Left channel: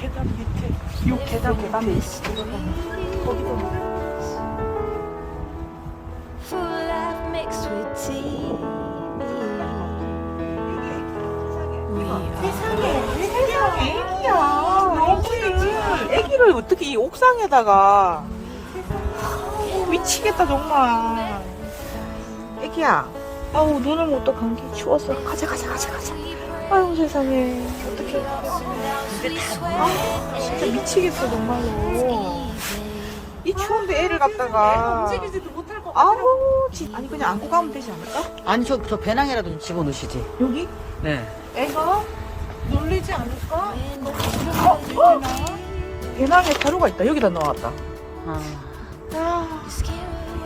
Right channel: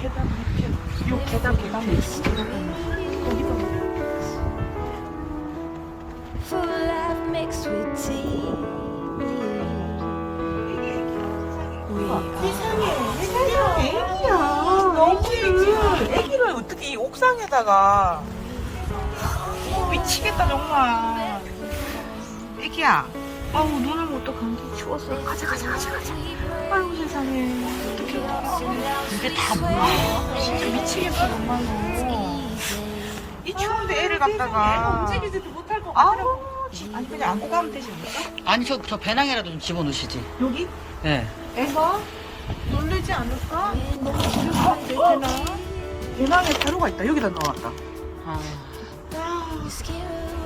계단 밑에 계단 Full life mixed with tea. We are. 애기야 애기를 어떻게 이 옥상에다가 어, 미치겠다 정말. 애기야 아우 눈을 못떠 감기 추워서. 가자 가자 가자 가자. 아유 세상에. 어떡해. 근데 다 뭐야. 진짜 미치겠다 정말로. 이 추운데 애를 갖다가. 움직이지도 못할 것 같아 아우 진- 아니 그냥 안고 가면 되지 않을까? 아니 저, 저 배낭이라도 좀 집어넣으시지. 여기? 네. 애가 놀리지 않을까? 어? 되나? 배낭에 가루가 있다. 여기다 넣어놨다. 아, 아,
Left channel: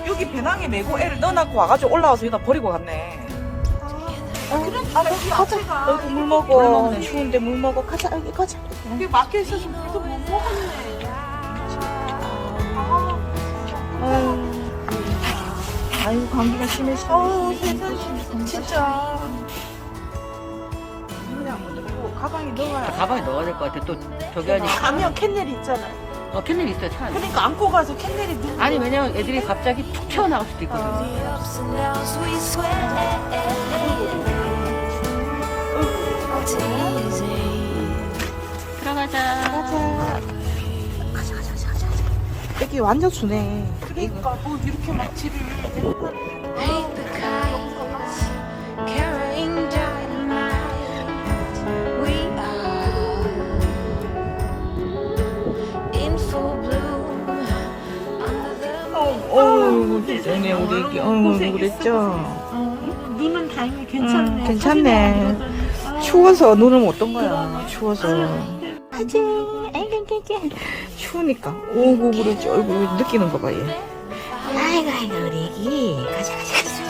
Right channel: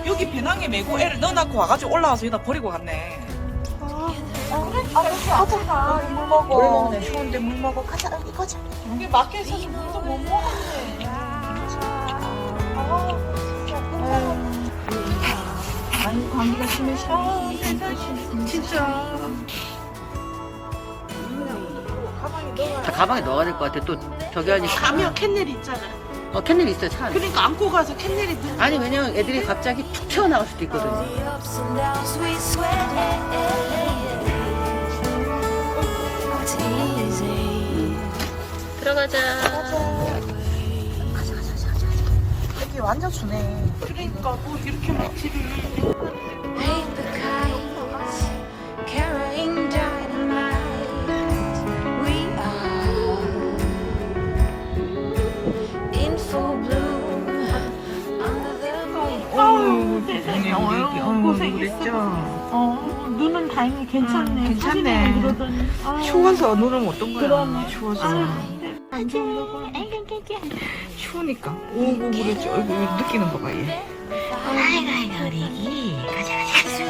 여기 배낭에 메고 애를 넣어놓고 와가지고 올라와서 여기다 버리고 갔네. 물 먹어. 물 먹는 추운데 물 먹어. 가자, 여기 가자. 여기 있어서 물도 못 먹었네. 아유, 감기가 심해서. 진짜. 가방에 넣어. 저 가방에 넣어야 될 것 같아. 또 저기 하니까. 아니야, 캔넬 있잖아. 어, 캔넬 있어요, 차 안에. 그러니까 안고 가서 캔넬이. 아니, 왜냐면 애들이 갑자기 툭 튀어나갈 수도 있거든요. The ups and downs we sweat. 들어가자. 여기 완전 주네. 그러니까 뭐 이렇게 막 집을. 어우, 세상에 우리 고생했죠. 어, 눈은 다행히 괜찮네. 음, 괜찮네. 사진에 그러더니. 아, 추워서 눈을 못 뜬 거야. 추워서. 안 좋은 거 추우니까. 오고 그러지. 어이구, 느끼는 거 봐, 얘. 아이고 아이고 우리 애기 가자 가자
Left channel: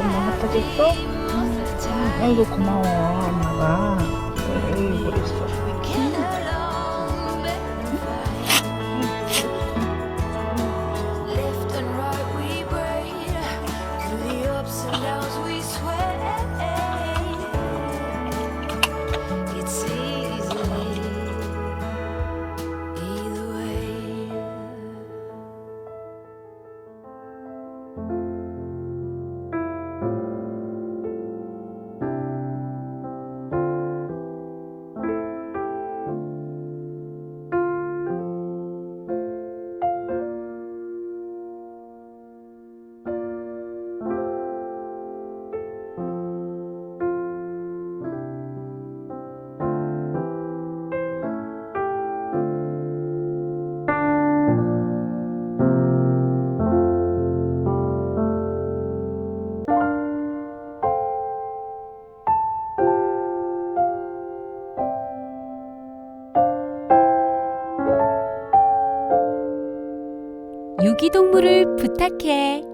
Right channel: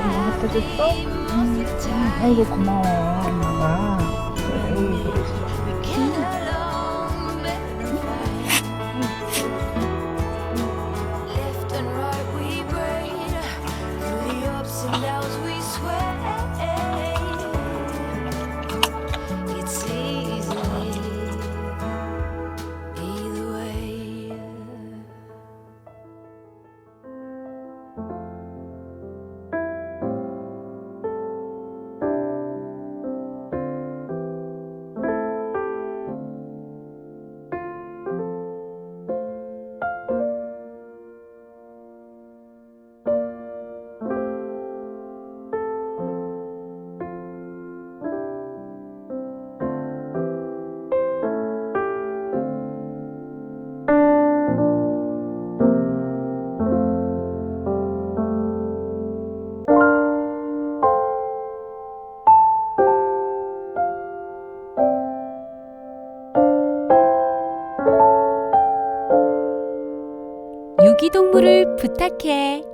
엄마 갖다 줬어? 아이고, 고마워, 엄마가. 아이고, 그랬어. 유기동물을 부탁해.